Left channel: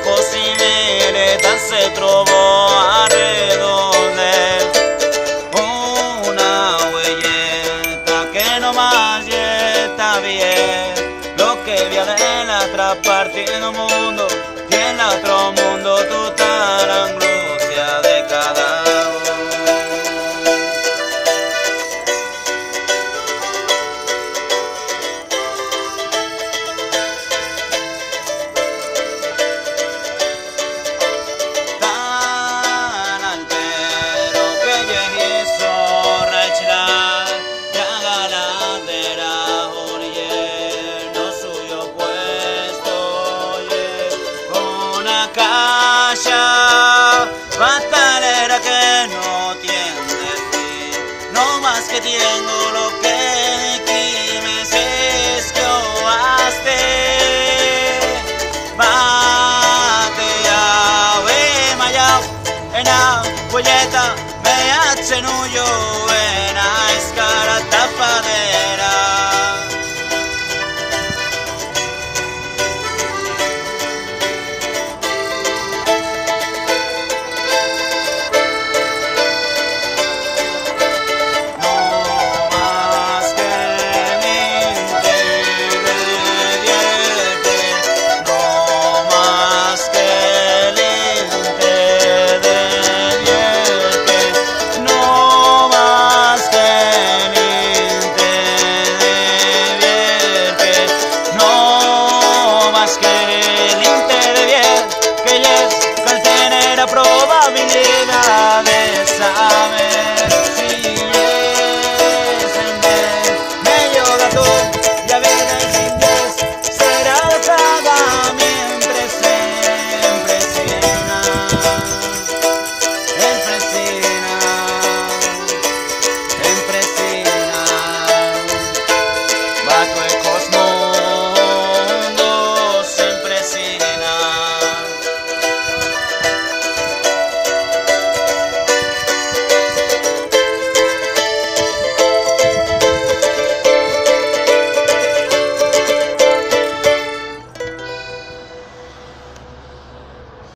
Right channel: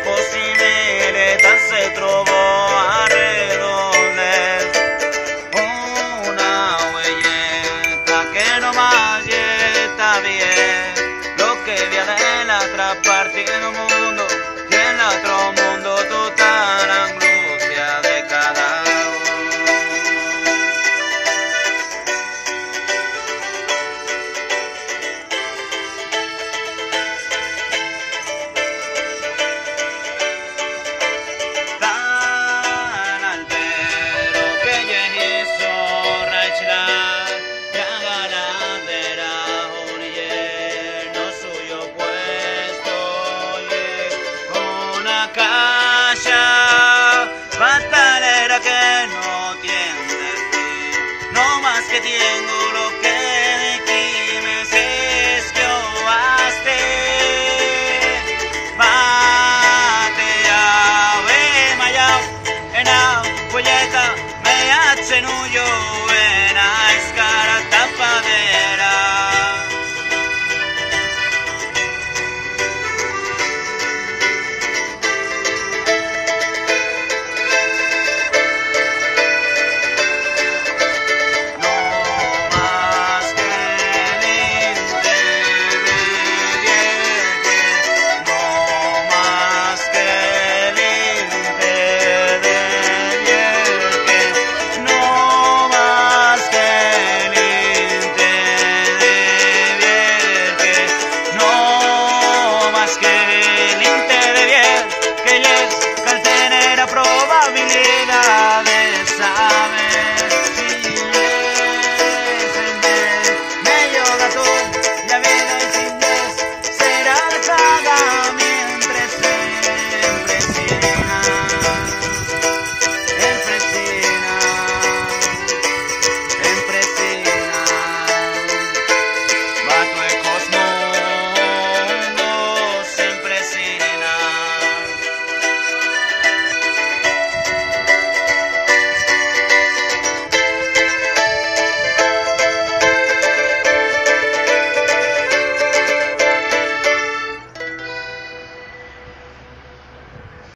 possibilità se trovo a redonde una huellita que no más está bien, lo que viene en la otra parte del mundo y en el otro mundo toda la angustia de cada batalera que no tiene fin, no más que tengo lo que de aquí me es que oaste bate a we maya en la